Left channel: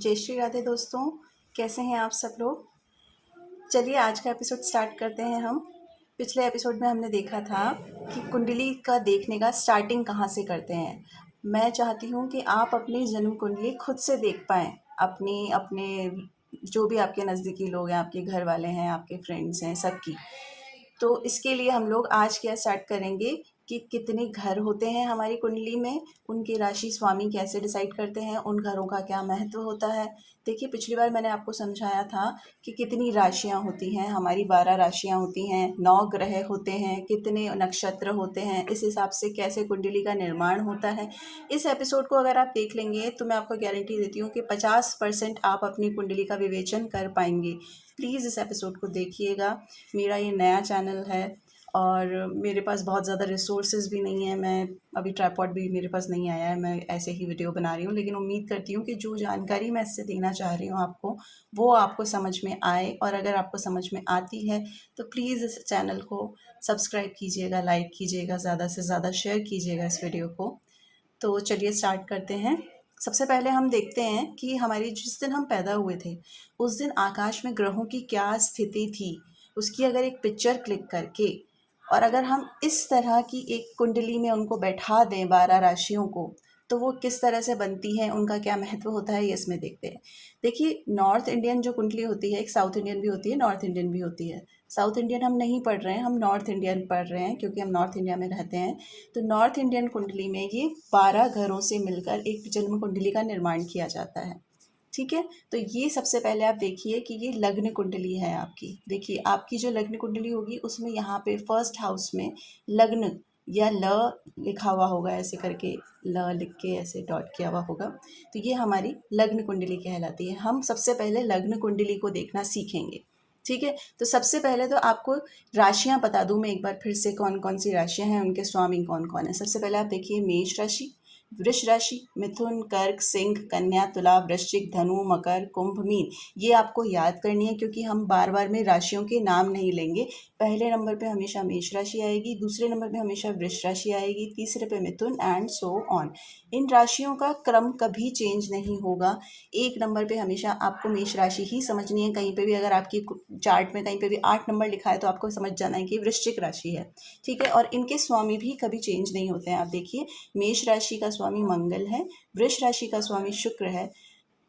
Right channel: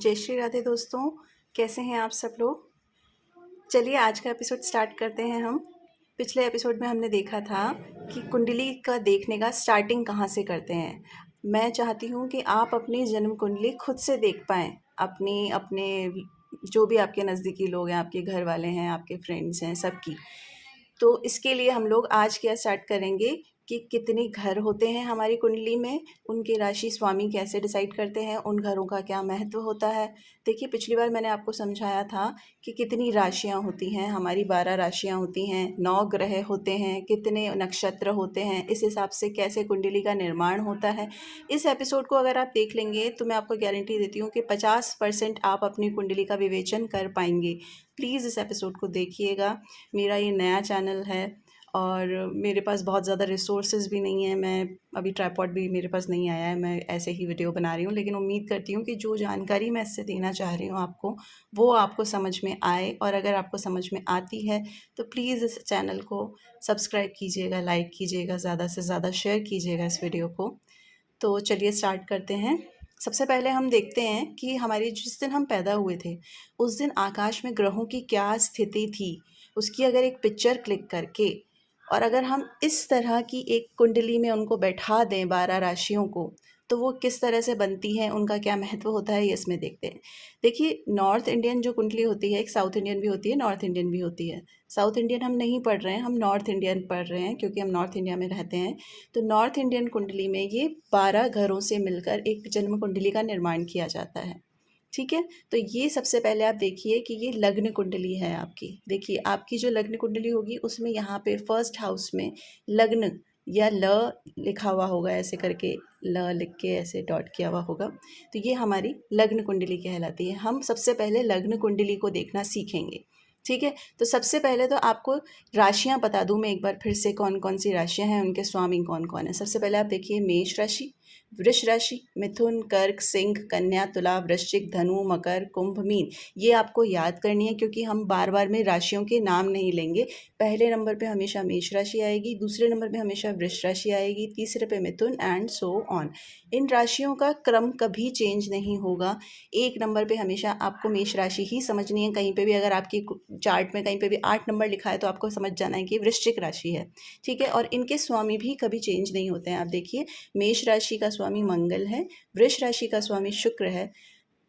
जय श्री राधे दोस्तों, कैसे हैं आप सब लोग। चलिए आज का एपिसोड स्टार्ट करते हैं हम। पिछले एपिसोड में हमने देखा था कि कुंडली का देखने का स्टार्टिंग कहाँ से करते हैं। मैं चाहती हूँ कि आप अपनी जन्म कुंडली खुद से देख पाएँ। अपनी अपने जो भी आपके नज़दीकी लोग हैं, आपके घर वाले हैं, आपके फ्रेंड्स हैं, सबकी। तो इसके लिए हम लोग आज क्या स्टार्ट करेंगे कि कितने घर होते हैं हमारी कुंडली में, उनके राशि स्वामी कैसे डिसाइड करते हैं, उन घरों का क्या महत्व होता है। देखिए पिछली बार मैंने आपको समझाया था कि कितनी राशियाँ होती हैं, हमारी 12 राशियाँ होती हैं, 9 ग्रह होते हैं, कितने नक्षत्र होते हैं, इस हिसाब से कैसे कुंडली का निर्माण होता है। इस एपिसोड को अगर आप देख लेंगे तो मैं आपको गारंटी देती हूँ कि 50% आप अपनी कुंडली का विवेचन कर पाएंगे। प्लीज़ इस एपिसोड को देखिएगा। मेरा ये नया चैनल है और मेरे पास बहुत ज़्यादा रिसोर्सेज भी नहीं है। मैं अभी ट्राइपॉड भी मेरे पास नहीं आया है, मैं ऐसे ही वीडियो बना रही हूँ। लेकिन उम्मीद करती हूँ कि जो जानकारी मैं इससे देना चाह रही हूँ आपको, वो आपको समझ में आए। और अगर आपको समझ में आती है तो प्लीज़ इस चैनल को सब्सक्राइब कीजिएगा, लाइक कीजिएगा, ज़्यादा से ज़्यादा शेयर कीजिएगा इस वीडियो को। तो चलिए स्टार्ट करते हैं। सबसे पहले हम देखते हैं कि हमारी जिस दिन हम पैदा हुए थे उस दिन आकाश में ग्रहों की क्या स्थिति थी, उसकी अगर एक पिक्चर क्लिक करके और अगर हम इस तरह की एक कुंडली में उनको बैठा दें 12 राशियों को, तो वो किस तरह से बनती हैं, उनका क्या महत्व होता है, ये इसमें देखते हैं। देखिए नॉर्थ इंडियन जो कुंडली होती है, एक साउथ इंडियन भी होती है, नॉर्थ इंडियन भी होती है। साउथ इंडियन हम नहीं पढ़ रहे हैं, हम नॉर्थ इंडियन पढ़ रहे हैं क्योंकि हम नॉर्थ इंडिया में रहते हैं। तो नॉर्थ इंडियन कुंडली में ये 12 घरों से मिलकर एक जन्म कुंडली का निर्माण किया जाता है। ठीक है, तो ये सबसे पहले आप देखिए कि ये लग्न कुंडली है आपकी। देखिए आपकी जो लग्न कुंडली होगी उसमें यहाँ पे फर्स्ट हाउस में लग्न या ल लिखा हुआ होगा, ऐसे करके ल लिख के ऐसे डॉट किया हुआ होगा, तो ये हमारी लग्न कुंडली कहलाती है। हम सबसे पहले लग्न कुंडली को देखना सीखेंगे। ठीक है, तो सबसे पहले तो आपको राशियां बता दूं मैं एक बार फिर से, कौन कौन सी राशियां हैं, उनके स्वामी कौन कौन है। सबसे पहले आप देखिए मेष राशि, वृष राशि, मिथुन, कर्क, सिंह, कन्या, तुला, वृश्चिक, धनु, मकर, कुंभ, मीन। ये आपको याद करनी है क्योंकि हम बार बार में राशियों के नाम नहीं लेंगे। पहले नंबर पे हमेशा मेष राशि आएगी, दूसरे नंबर पे हमेशा वृष राशि आएगी, तीसरे पे मिथुन एंड सो ऑन। इन राशियों का क्रम कभी चेंज नहीं होगा। एक नंबर पे हमेशा आपको मेष राशि ही समझनी है। कहीं पे भी अगर आपकी चार्ट में कहीं पे भी 8 नंबर लिखा है तो आपको समझ जाना है कि वृश्चिक राशि है। ठीक है, और इनके स्वामी भी कभी चेंज नहीं होते हैं। आप देखिए मेष राशि का स्वामी मंगल है, वृष राशि का स्वामी शुक्र है,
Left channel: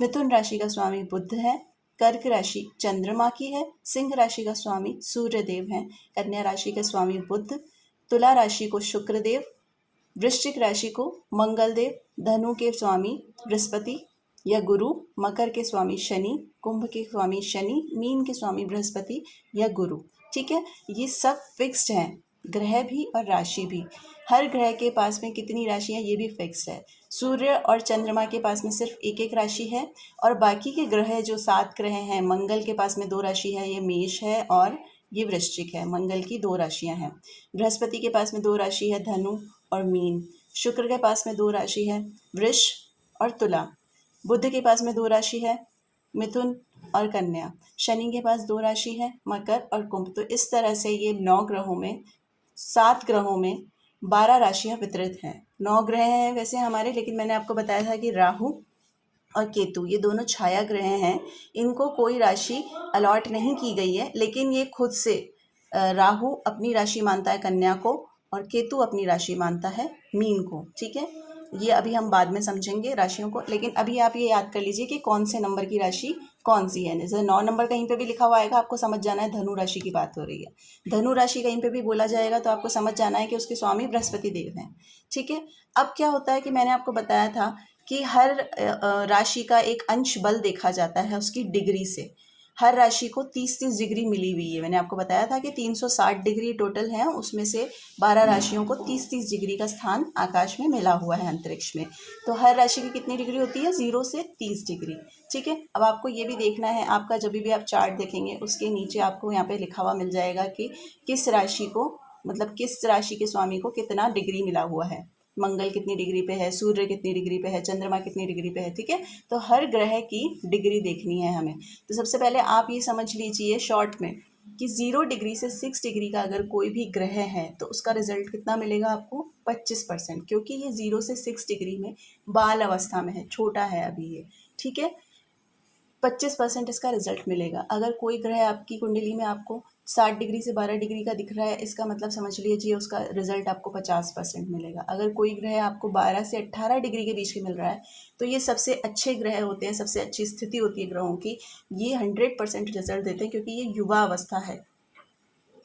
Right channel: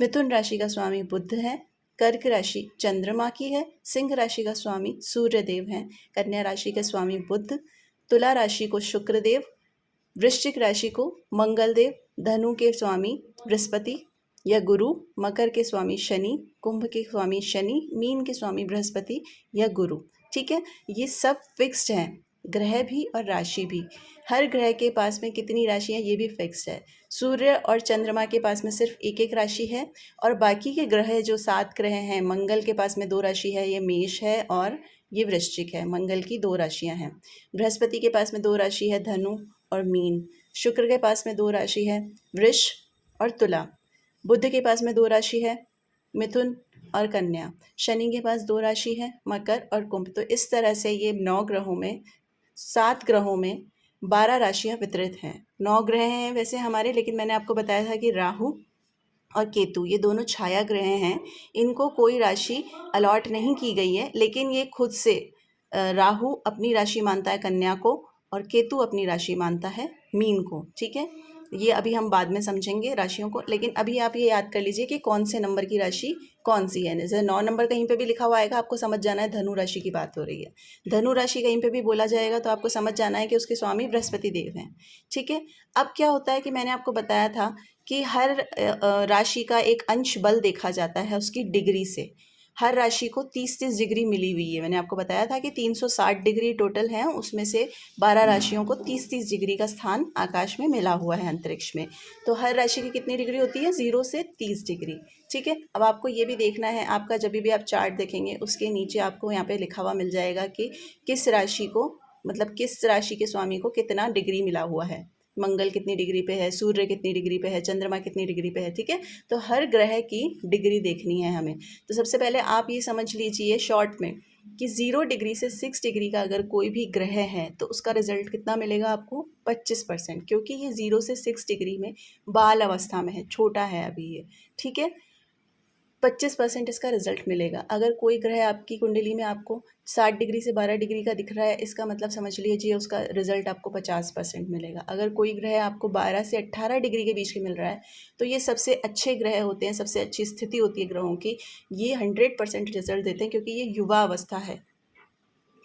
मिथुन राशि का स्वामी बुध है, कर्क राशि चंद्रमा की है, सिंह राशि का स्वामी सूर्य देव है, कन्या राशि के स्वामी बुध, तुला राशि को शुक्र देव, वृश्चिक राशि को मंगल देव, धनु के स्वामी बृहस्पति या गुरु, मकर के स्वामी शनि, कुंभ के स्वामी शनि, मीन के स्वामी बृहस्पति या गुरु। ठीक है, ये सब फिक्स्ड हैं, ग्रह भी और राशि भी। हर ग्रह के पास में कितनी राशि है ये भी फिक्स है। सूर्य और चंद्रमा के पास में सिर्फ एक एक राशि है और बाकी के ग्रह जो 7 ग्रह हैं, मंगल के पास में 2 राशि है, ये मेष है और ये वृश्चिक है। मंगल की 2 राशियां हैं। बृहस्पति के पास में 2 राशि है, धनु और मीन। शुक्र के पास में 2 राशि है, वृष और तुला। बुध के पास में 2 राशि है, मिथुन और कन्या। शनि के पास 2 राशि है, मकर और कुंभ। तो इस तरह से ये 9 ग्रहों में, 7 ग्रहों में 12 राशियां वितरित हैं। 9 ग्रह हैं वैसे हमारे, लेकिन मैंने आपको बताया था कि राहु और केतु ये दोनों छाया ग्रह हैं। इनको कोई राशि अलॉट नहीं की गई है, लेकिन ये खुद से राहु अपनी राशि मानता है कन्या को और केतु अपनी राशि मानता है मीन को। ठीक है, ये अभी हम बाद में समझेंगे राशियों को, लेकिन अभी आप ये याद कर लीजिए कि कौन से नंबर की राशि कौन सी है। जैसे 9 नंबर कहीं पे भी लिखा हुआ आएगा, आपको समझ जाना है धनु राशि की बात हो रही है। धनु राशि कहीं पे भी बोला जाएगा तो आपको समझ जाना है कि उसके स्वामी बृहस्पति देव हैं। ठीक है, अब क्या होता है कि मैंने आपको बताया था कि हर राशि का एक अंश बल देखा जाता है उसकी डिग्री से। हर राशि को 30-30 डिग्री मिली हुई है। मैंने आपको बताया था कि 360 डिग्री टोटल है, उसमें से 12 राशियों को 30-30 डिग्री का स्थान आकाश में मिला हुआ है, अंतरिक्ष में। तो हर राशि की कितनी डिग्री होती है, 0 से 30 डिग्री। ठीक है, अब आपको ये भी देखना है, आपका जब भी आप चार्ट देखेंगे उसके नीचे आपको यहाँ पे लिखा हुआ मिल जाएगा कि किस राशि को, मतलब किस राशि के स्वामी को कितना डिग्री मिला हुआ है। मंगल कितनी डिग्री पे है, सूर्य कितनी डिग्री पे है, चंद्रमा कितनी डिग्री पे है। ठीक है, तो हर ग्रह की डिग्री देखनी है हमें। तो सबसे पहले आप ये समझ लीजिए शॉर्ट में कि 0 डिग्री से 6 डिग्री का अगर कोई भी ग्रह है तो उसका रिजल्ट कितना मिलेगा आपको, 25%, क्योंकि ये 0 से 6 डिग्री में बाल अवस्था में है, छोटा है अभी ये। ठीक है, 25% इसका रिजल्ट मिलेगा। अगर कोई ग्रह आपकी कुंडली में आपको 60 डिग्री से 12 डिग्री का दिख रहा है, इसका मतलब समझ लीजिए उसका रिजल्ट आपको 50% मिलेगा। अगर कोई ग्रह आपको 12 से 18 डिग्री के बीच में मिल रहा है, तो ये सबसे अच्छे ग्रह होते हैं, सबसे अच्छी स्थिति होती है ग्रहों की। ये 100% रिजल्ट देते हैं, क्योंकि ये युवा अवस्था है।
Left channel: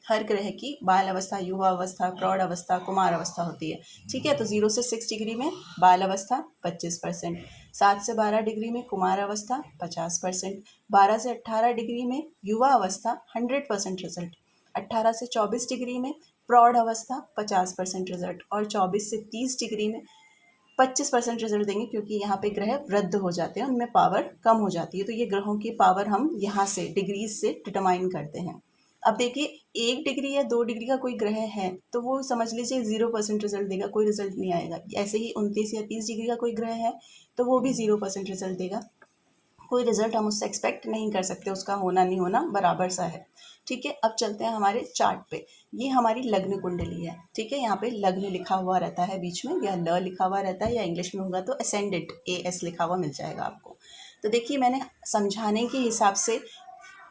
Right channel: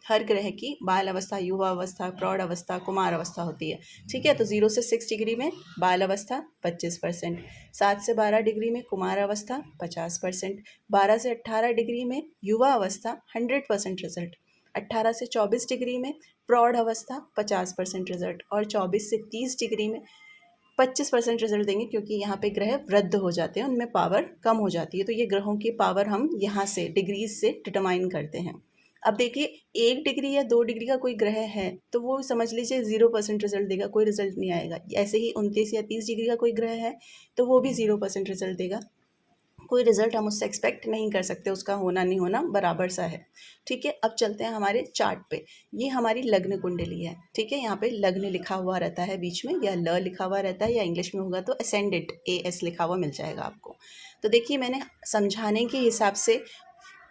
हर ग्रह की बाल अवस्था, युवा अवस्था, प्रौढ़ अवस्था, कुमार अवस्था होती है। ठीक है, तो 0 से 6 डिग्री में बाल अवस्था 25%, 7 से 12 डिग्री में कुमार अवस्था 50%, 12 से 18 डिग्री में युवा अवस्था 100% रिजल्ट, 18 से 24 डिग्री में प्रौढ़ अवस्था 50% रिजल्ट, और 24 से 30 डिग्री में 25% रिजल्ट देंगे, क्योंकि यहाँ पे ग्रह वृद्ध हो जाते हैं, उनमें पावर कम हो जाती है। तो ये ग्रहों की पावर हम यहाँ से डिग्रीज से डिटरमाइन करते हैं। अब देखिए, 1 डिग्री या 2 डिग्री का कोई ग्रह है तो वो समझ लीजिए 0% रिजल्ट देगा, कोई रिजल्ट नहीं आएगा। ऐसे ही 29 या 30 डिग्री का कोई ग्रह है तो वो भी 0% रिजल्ट देगा, कोई रिजल्ट हम उससे एक्सपेक्ट नहीं कर सकते, उसका होना नहीं होना बराबर सा है। ठीक है, अब चलते हैं हमारे चार्ट पे। ये हमारी लग्न कुंडली है। ठीक है, यहाँ पे लग्न लिखा हुआ रहता है बीच में, या ल लिखा हुआ रहता है, या इंग्लिश में होगा तो असेंडेंट AS लिखा हुआ मिल जाएगा आपको। तो देखिए, मैंने समझाने के हिसाब से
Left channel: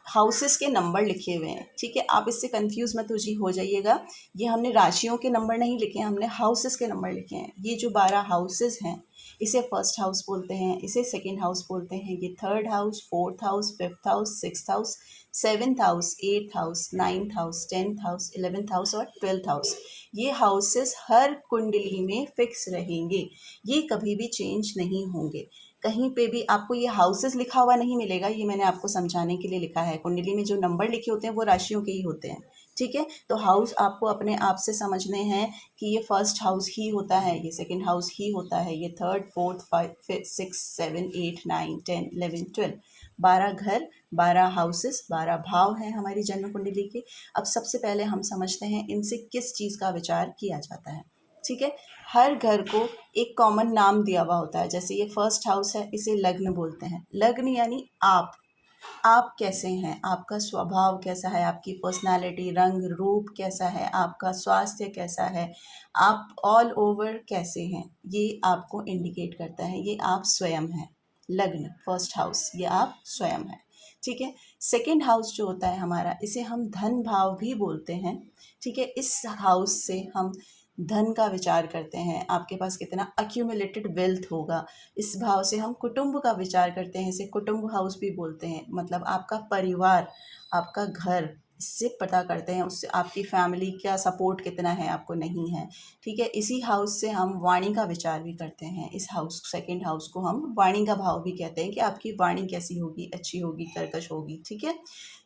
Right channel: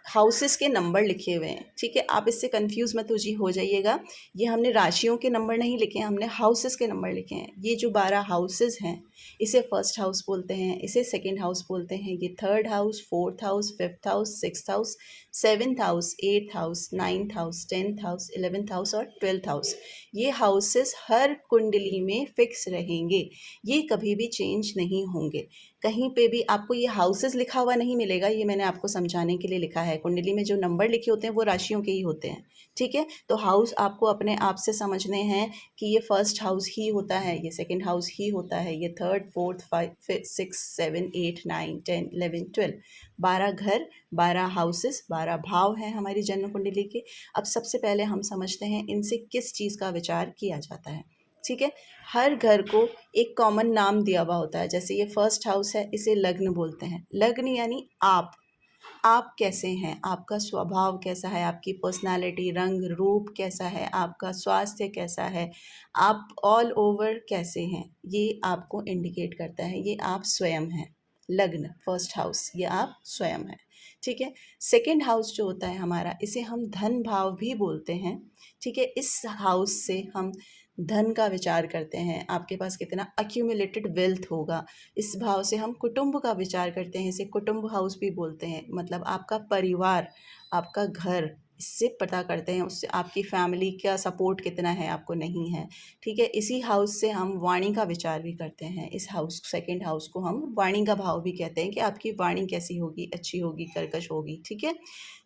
हाउसेस के नंबर लिखे हुए हैं। ठीक है, आप इससे कंफ्यूज मत हो जाइएगा। ये हमने राशियों के नंबर नहीं लिखे हैं, हमने हाउसेस के नंबर लिखे हैं। ये जो 12 हाउसेस हैं, इसे फर्स्ट हाउस बोलते हैं, इसे सेकंड हाउस बोलते हैं, ये third house, fourth house, fifth house, sixth house, seventh house, eighth house, ninth house, 10th house, 11th house और 12th हाउस। ये हाउसेस हर कुंडली में फिक्स रहेंगे, ये कभी भी चेंज नहीं होंगे। कहीं पे भी आपको ये हाउसेस लिखा हुआ नहीं मिलेगा, ये मैंने आपको समझाने के लिए लिखा है। कुंडली में जो नंबर लिखे होते हैं वो राशियों के ही होते हैं। ठीक है, तो हाउस आपको अपने आप से समझने हैं कि ये फर्स्ट हाउस ही होता है, ये सेकंड हाउस ही होता है, ये थर्ड, फोर्थ, फाइव, सिक्स, 7, 8, 9, 10, 11, 12, 12 घर, 12 हाउसेस, 12 भाव हैं हमारी जन्म कुंडली के। अब सबसे पहले हम समझते हैं इनसे किस चीज़ का विचार किया जाता है। ठीक है, हर घर को एक कॉमन नाम दिया हुआ होता है। जैसे ये फर्स्ट हाउस है, इसे लग्न बोलते हैं। लग्न यानी आप कैसे हैं, आपका स्वभाव कैसा है, आपकी पर्सनालिटी, रंग रूप कैसा है, आपका स्वास्थ्य कैसा है, आप ऑल ओवर कैसे हैं, ये आपको इंडिकेट करता है। ये आप स्वयं हैं। लग्न फर्स्ट हाउस, ये आप स्वयं हैं। ठीक है, सेकंड हाउस जो होता है हमारा, इसे हम धन भाव भी बोलते हैं। ठीक है, इस हाउस से हम धन का विचार करते हैं, आपके पास कितना अक्यूमुलेटेड वेल्थ होगा। इस भाव से हम कुटुंब का विचार करते हैं, इसे कुटुंब हाउस भी बोलते हैं। मतलब आपका परिवार, आपका घर, इससे पता करते हैं, उससे आपकी फैमिली का सपोर्ट कितना है, आपको नहीं है। ठीक है, इसी हाउस से हम वाणी का विचार भी करते हैं। इस हाउस, सेकंड हाउस को हम वाणी का भाव भी कहते हैं कि आपकी वाणी कैसी होगी, अच्छी होगी, कर्कश होगी। ठीक है,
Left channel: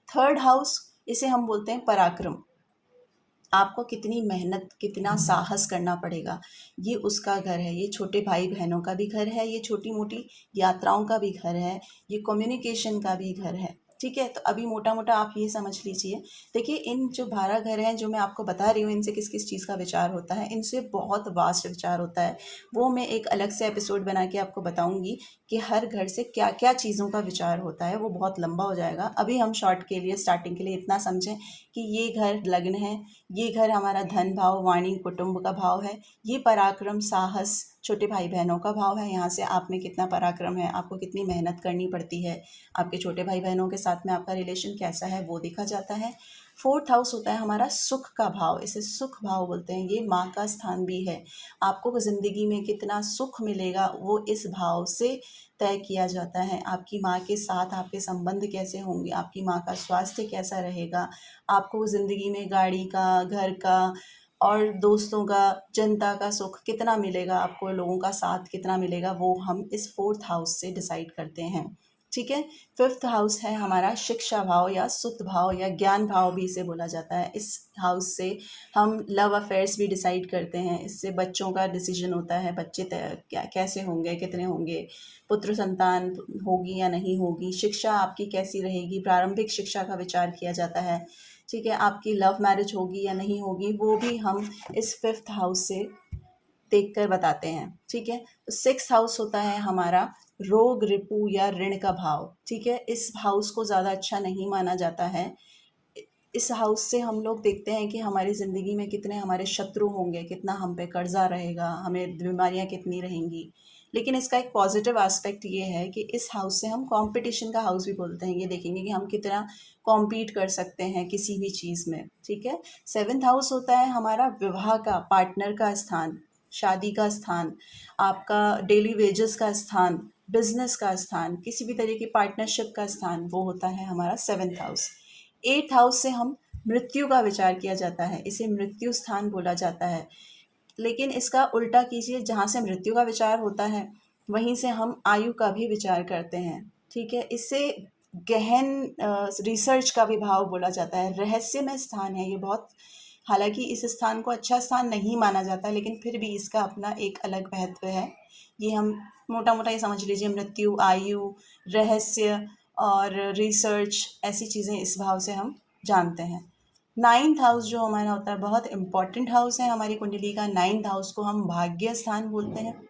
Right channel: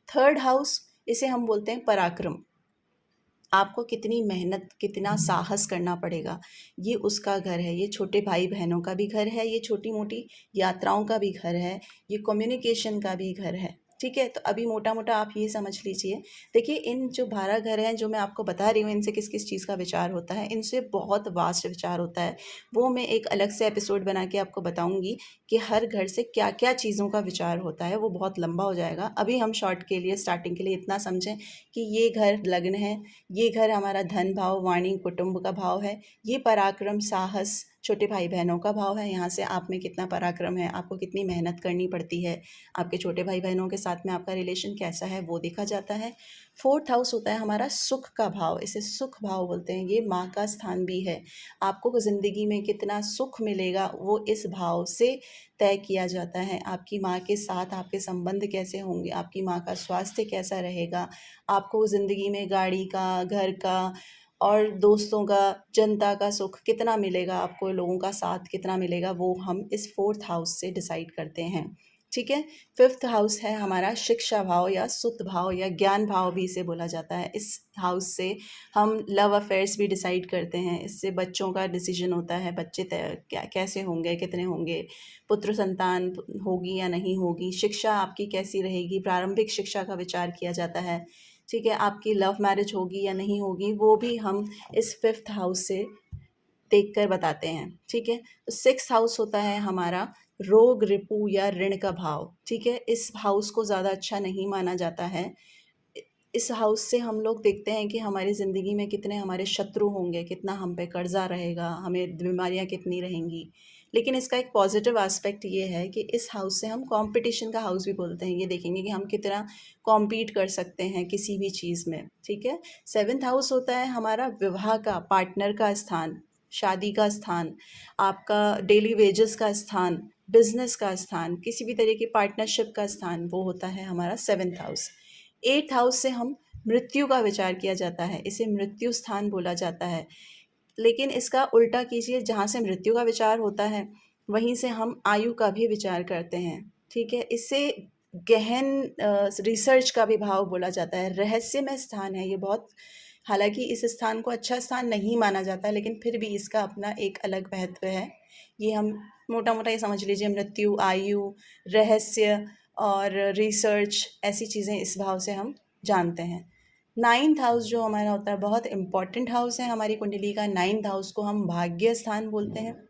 थर्ड हाउस, इसे हम बोलते हैं पराक्रम। आपको कितनी मेहनत, कितना साहस करना पड़ेगा, ये उसका घर है। ये छोटे भाई बहनों का भी घर है, ये छोटी मोटी यात्राओं का भी घर है, ये कम्युनिकेशन का भी घर है। ठीक है, तो अभी मोटा मोटा आप ये समझ लीजिए। देखिए, इन जो 12 घर हैं जो मैं आपको बता रही हूँ, इनसे किस किस चीज़ का विचार होता है, इनसे बहुत वास्ट विचार होता है। वो मैं एक अलग से एपिसोड बना के आपको बताऊँगी कि हर घर से क्या क्या चीज़ों का विचार होता है। वो बहुत लंबा हो जाएगा। अभी हम शॉर्ट के लिए, स्टार्टिंग के लिए इतना समझें कि ये घर लग्न है, ये घर हमारा धन भाव, वाणी, कुटुंब का भाव है। ये पराक्रम, साहस, छोटे भाई बहनों का भाव है। यहाँ से आप में कितना पराक्रम है, आपको कितनी मेहनत करनी पड़ती है, आपके छोटे भाई बहनों के साथ में आपका रिलेशन कैसा है, वो देखा जाता है। फोर्थ हाउस होता है हमारा सुख का भाव, इसे सुख भाव बोलते हैं। ये माँ का स्थान भी है। आपको ज़िंदगी में कितना सुख मिलेगा वो इस भाव से तय किया जाता है। आपकी माँ के साथ आपके संबंध कैसे होंगे, आपकी माँ का स्वास्थ्य कैसा रहेगा, आपको ज़िंदगी में गाड़ी का, घर का और दोस्तों का, जनता का सुख कितना मिलेगा, आपको लोगों का साथ कितना मिलेगा, वो हम इस फोर्थ हाउस से डिसाइड करते हैं। ठीक है, फिफ्थ हाउस है हमारा शिक्षा भाव, या सुत भाव, या ज्ञान भाव भी इसे बोला जाता है। इस हाउस से हम लव अफेयर्स भी डिसाइड करते हैं। इससे बच्चों का डिसीजन होता है, बच्चे क्या कैसे होंगे, कितने होंगे, पुत्र संतान होगी या नहीं होगी, शिक्षा आपकी कैसी रहेगी, प्रारंभिक शिक्षा का विचार किया जाता है। ठीक है, आपकी लव मैरिज होगी या नहीं होगी, वो भी हम इस फिफ्थ हाउस से देख कर बताते हैं। ठीक है, सिक्स हाउस होता है हमारा रोग, रिपू या ऋण का भाव। ठीक है, इस हाउस को ज़्यादा अच्छा नहीं माना जाता है। इस हाउस से हम लोग देखते हैं कि हमारी ज़िंदगी में कितने हमारे शत्रु होंगे, कितना हम पे कर्जा रहेगा, हमें बीमारियां कितनी रहेंगी। लेकिन इसका एक पॉजिटिव एस्पेक्ट ये है कि इस हाउस से हम कंपटीशन का हाउस भी बोलते हैं, ये देखेंगे कि हम कितना कॉम्पीट कर सकते हैं किसी भी चीज़ में, ठीक है। सेवन्थ हाउस होता है हमारा विवाह का, पार्टनर का स्थान, शादी का स्थान, आपका डेली वेजेस का स्थान, बिजनेस का स्थान, किसी भी तरह की पार्टनरशिप का स्थान, वो होता है हमारा सेवन्थ हाउस। एट्थ हाउस से हम मृत्यु का विचार किया जाता है, इसे मृत्यु स्थान बोला जाता है। लेकिन इसका उल्टा कीजिए, जहाँ से मृत्यु का विचार होता है वहीं से हम आयु का भी विचार करते हैं, ठीक है। इससे गहन रिसर्च का भी भाव बोला जाता है, रहस्यमय स्थान है ये बहुत। हालांकि इस स्थान को अच्छा स्थान नहीं माना जाता, लेकिन फिर भी इसका अपना एक अलग महत्व है। ये हम मोटा मोटा ये समझ लीजिए, मृत्यु, आयु, रहस्य और रिसर्च, ऐसी चीज़ें इस भाव से हम जानते हैं। नाइन्थ हाउस जो हमारा होता है बहुत इंपॉर्टेंट हाउस है हमारी कुंडली का। नाइन्थ हाउस को हम भाग्य स्थान बोलते हैं।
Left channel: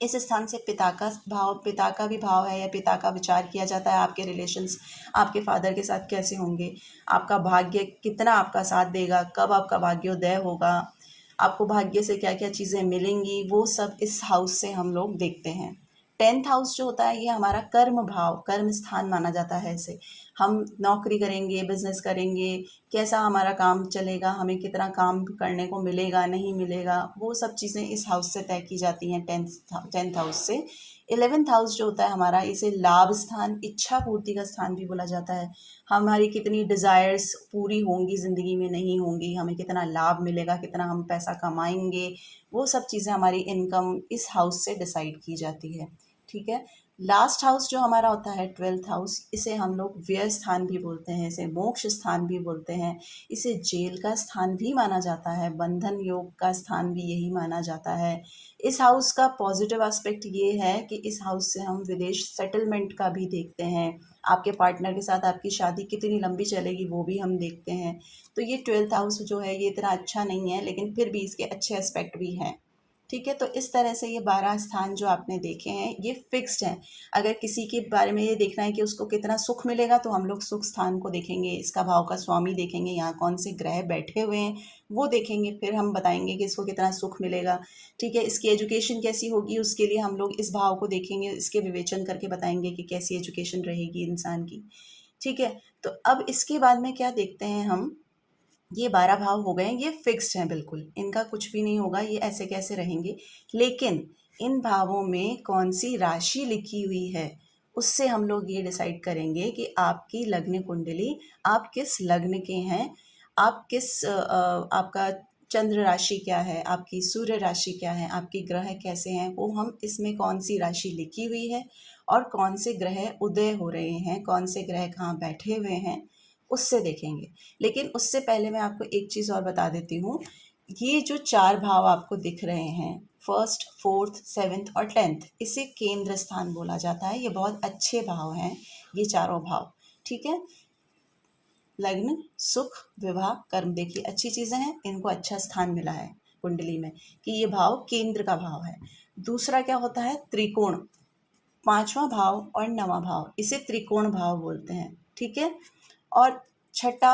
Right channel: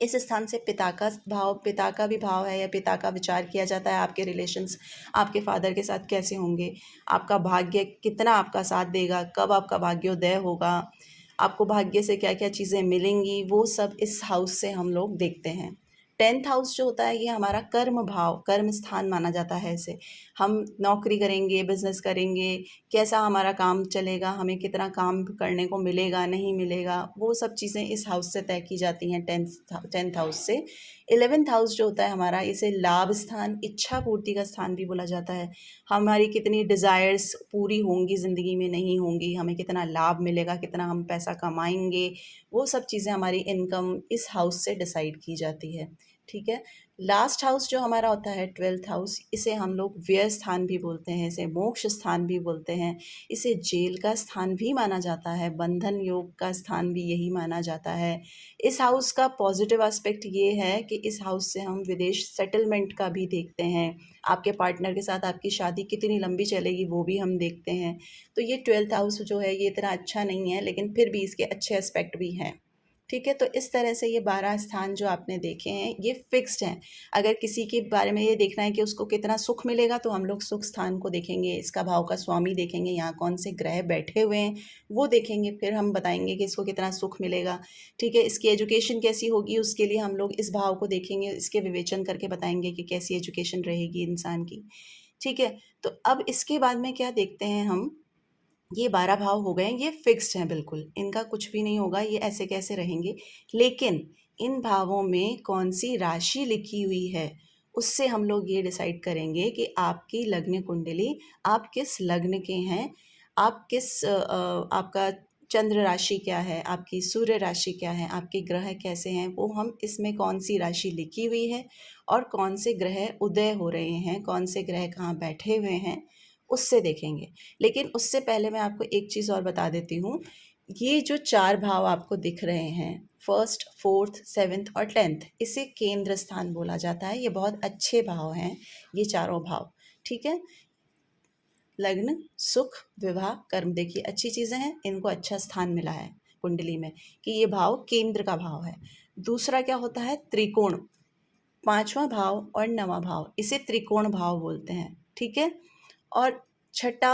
इस स्थान से पिता का भाव, पिता का भी भाव है या पिता का विचार किया जाता है। आपके रिलेशंस आपके फादर के साथ कैसे होंगे, आपका भाग्य कितना आपका साथ देगा, कब आपका भाग्योदय होगा, आपको भाग्य से क्या क्या चीज़ें मिलेंगी, वो सब इस हाउस से हम लोग देखते हैं। टेंथ हाउस जो होता है ये हमारा कर्म भाव, कर्म स्थान माना जाता है इसे। हम नौकरी करेंगे, बिजनेस करेंगे, कैसा हमारा काम चलेगा, हमें कितना काम करने को मिलेगा नहीं मिलेगा, वो सब चीज़ें इस हाउस से तय की जाती हैं, टेंथ हाउस से। 11th हाउस जो होता है हमारा, इसे लाभ स्थान, इच्छा पूर्ति का स्थान भी बोला जाता है। हमारी कितनी डिज़ायर्स पूरी होंगी ज़िंदगी में, नहीं होंगी, हमें कितना लाभ मिलेगा, कितना हम पैसा कमाएंगे, वो सब चीज़ें हमारी इनकम इस हाउस से डिसाइड की जाती है, ठीक है। लास्ट हाउस जो हमारा होता है 12th हाउस, इसे हम लोग व्यय स्थान भी बोलते हैं, इसे मोक्ष स्थान भी बोलते हैं, इसे जेल का स्थान भी माना जाता है, बंधन योग का स्थान भी यही माना जाता है। इस हाउस का पॉजिटिव एस्पेक्ट ये है कि इस हाउस से हम विदेश सेटलमेंट का भी देखते हैं, आपके पार्टनर के साथ आपकी शादी कितनी लंबी चलेगी वो भी हम देखते हैं। तो ये 12th हाउस जो है ये इतना अच्छा नहीं है, लेकिन फिर भी इसके अच्छे एस्पेक्ट भी हैं, ठीक है। तो इस तरह से ये 12 स्थान जो आपने देखे हैं ये फिक्स्ड हैं। अगर किसी के बारे में ये देखना है कि उसको कितना सुख मिलेगा, तो हम लोग सुख स्थान को देखेंगे, इसका भाव का स्वामी देखेंगे, यहाँ कौन से ग्रह बैठे हुए हैं वो देखेंगे, फिर हम बताएंगे कि इसको कितना सुख मिलेगा, ठीक है। इसकी एजुकेशन कैसी होगी उसके लिए हम लोग इस भाव को देखेंगे, इसके विवेचन करके बताएंगे कि कैसी एजुकेशन रहेगी इंसान की, ठीक है। तो अब इसके बाद में क्या देखते हैं हम, ये 12 भाव हो गए, ये फिक्स्ड हैं बिल्कुल, इनका कुछ भी नहीं होगा, ये ऐसे कैसे रहेंगे। लेकिन इन भावों में कौन सी राशि लिखी हुई है उससे हम लोग ये डिसाइड करेंगे कि आपकी लग्न कुंडली, आप किस लग्न के हैं, आप किस आपका चंद्र राशि क्या है, आपकी सूर्य राशि क्या है, आपके ग्रह कैसे हैं, वो हम इसमें कौन सी राशि लिखी हुई है और कौन से ग्रह उदय हो रहे हैं, कौन से ग्रह कहाँ बैठे हुए हैं, उससे देखेंगे। लेकिन उससे पहले मैं आपको एक चीज़ और बता देती हूँ, ये जो 4 भाव आपको दिख रहे हैं, फर्स्ट, फोर्थ, सेवेंथ और 10th, इसे केंद्र स्थान बोला जाता है। ये बहुत अच्छे भाव हैं ये चारों भाव, ठीक है। लग्न, सुख, विवाह, कर्म, देखिए अच्छी चीज़ें हैं, इनको अच्छा स्थान मिला है कुंडली में कि ये भाव केंद्र का भाव है। दूसरा क्या होता है, त्रिकोण, 5वां भाव और 9वां भाव, इसे त्रिकोण भाव बोलते हैं, ठीक है। और छठा,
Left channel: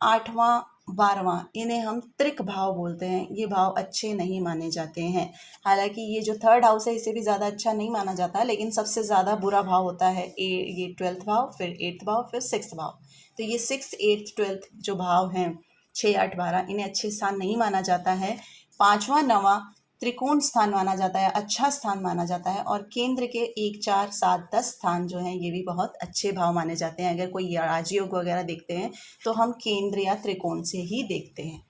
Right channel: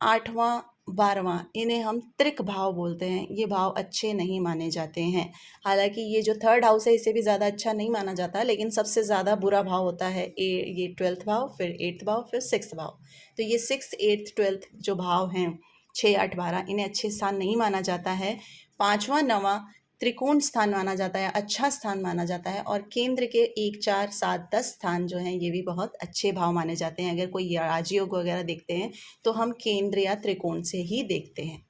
8वां, 12वां, इन्हें हम त्रिक भाव बोलते हैं, ये भाव अच्छे नहीं माने जाते हैं। हालांकि ये जो थर्ड हाउस है इसे भी ज़्यादा अच्छा नहीं माना जाता, लेकिन सबसे ज़्यादा बुरा भाव होता है ये 12th भाव, फिर 8th भाव, फिर 6th भाव। तो ये 6th, 8th, 12th जो भाव हैं, 6, 8, 12, इन्हें अच्छे स्थान नहीं माना जाता है। 5वां, 9वां त्रिकोण स्थान माना जाता है, अच्छा स्थान माना जाता है। और केंद्र के 1, 4, 7, 10 स्थान जो हैं ये भी बहुत अच्छे भाव माने जाते हैं। अगर कोई राजयोग वगैरह देखते हैं तो हम केंद्र या त्रिकोण से ही देखते हैं।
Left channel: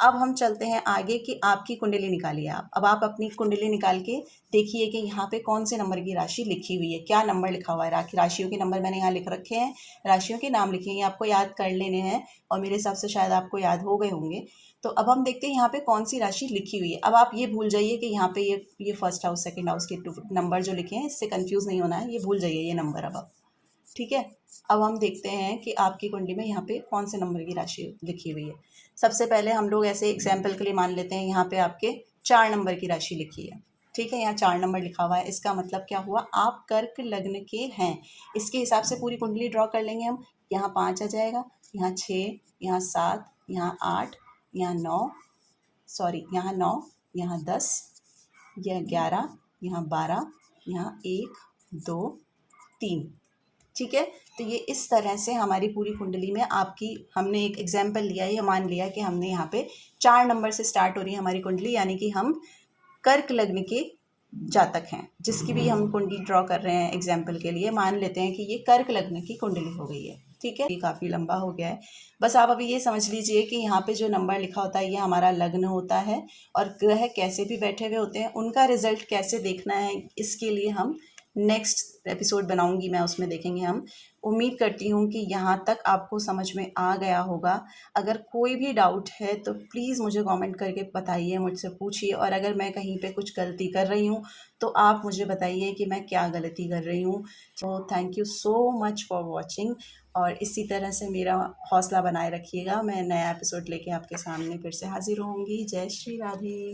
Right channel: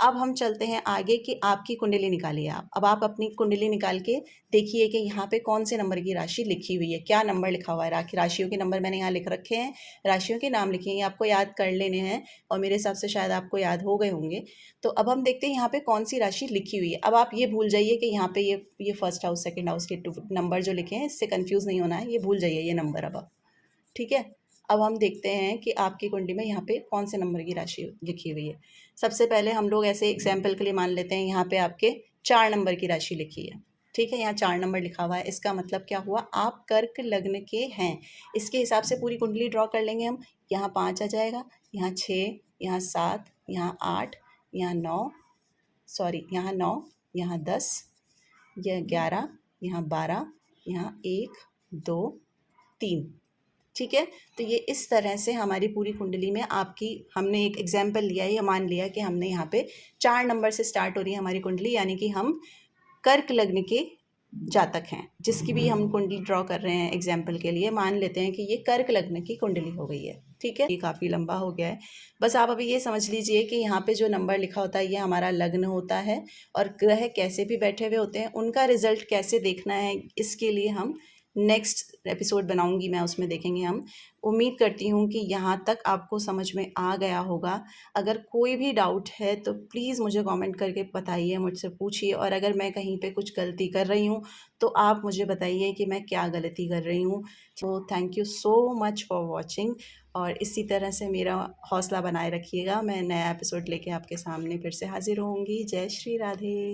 अब हम चलते हैं आगे कि आपकी कुंडली निकालिए आप। अब आप अपनी कुंडली निकाल के देखिए कि यहाँ पे कौन से नंबर की राशि लिखी हुई है, क्या नंबर लिखा हुआ है। राशियों के नंबर मैंने यहाँ लिख रखे हैं, राशियों के नाम लिखे हैं, आपको याद कर लेने हैं और मेरे हिसाब से शायद आपको याद हो गए होंगे। तो अब हम देखते हैं यहाँ पे कौन सी राशि लिखी हुई है। अब आप ये भूल जाइए कि यहाँ पे ये फर्स्ट हाउस, सेकंड हाउस के नंबर जो लिखे हैं इससे कंफ्यूज नहीं होना है, ये भूल जाइए ये नंबर अब आप, ठीक है। अब हम देखते हैं कि आपकी कुंडली में यहाँ पे कौन से नंबर की राशि लिखी हुई है। सबसे पहले हम लोग ऐसे एग्जाम्पल के लिए मान लेते हैं यहाँ पे आपके 4 नंबर की राशि लिखी है, ठीक है। यहाँ 4 नंबर लिखा हुआ है, इसका मतलब क्या हुआ, आप कर्क लग्न के हैं। इसके हिसाब से पूरी कुंडली ड्रॉ कर लेंगे हम। यहाँ 5 आ जाएगा, यहाँ 6, यहाँ 7, यहाँ 8, यहाँ 9, सॉरी यहाँ 9, यहाँ 10, यह 11, यहाँ 12, यहाँ 1, 2, 3। ठीक है, तो ये इस तरह से हमारी पूरी कुंडली में आपकी, हमने एक एग्जाम्पल लिया, ये मान लिया कि हमने यहाँ पे 4 नंबर से स्टार्ट हो रही है हमारी कुंडली, यानी कि हम कर्क लग्न के जातक हैं। जिसकी भी हम कुंडली ड्रॉ कर रहे हैं एग्जाम्पल के लिए, मान लेते हैं कि ये कर्क लग्न की कुंडली हो गई है। ठीक है, ये काफ़ी लंबा हो गया है। बस आप अभी ये समझ लीजिए कि यहाँ पे जो नंबर लिखा होता है ये हमारा लग्न होता है, और ग्रह कैसे भी बैठे हुए होते हैं उनका रिजल्ट कैसे देखना है, इसके लिए हम नेक्स्ट एपिसोड बनाऊंगी मैं, उसमें देखेंगे हम। उम्मीद करती हूँ कि यहाँ तक आपको समझ में आ गया होगा। अगर कोई भी डाउट है तो प्लीज़ मुझे कमेंट करके बताइए, मुझसे पूछिए, और अगर मैं कहीं पे कुछ गलती कर रही हूँ तो आप मुझे बताइए कि मैं क्या गलती कर रही हूँ। तो thank you so much for watching, और इसी तरह से मेरा हौसला बनाए रखिएगा। मैं नया एपिसोड लेके आपके सामने फिर से हाजिर होंगी। जय श्री राधे।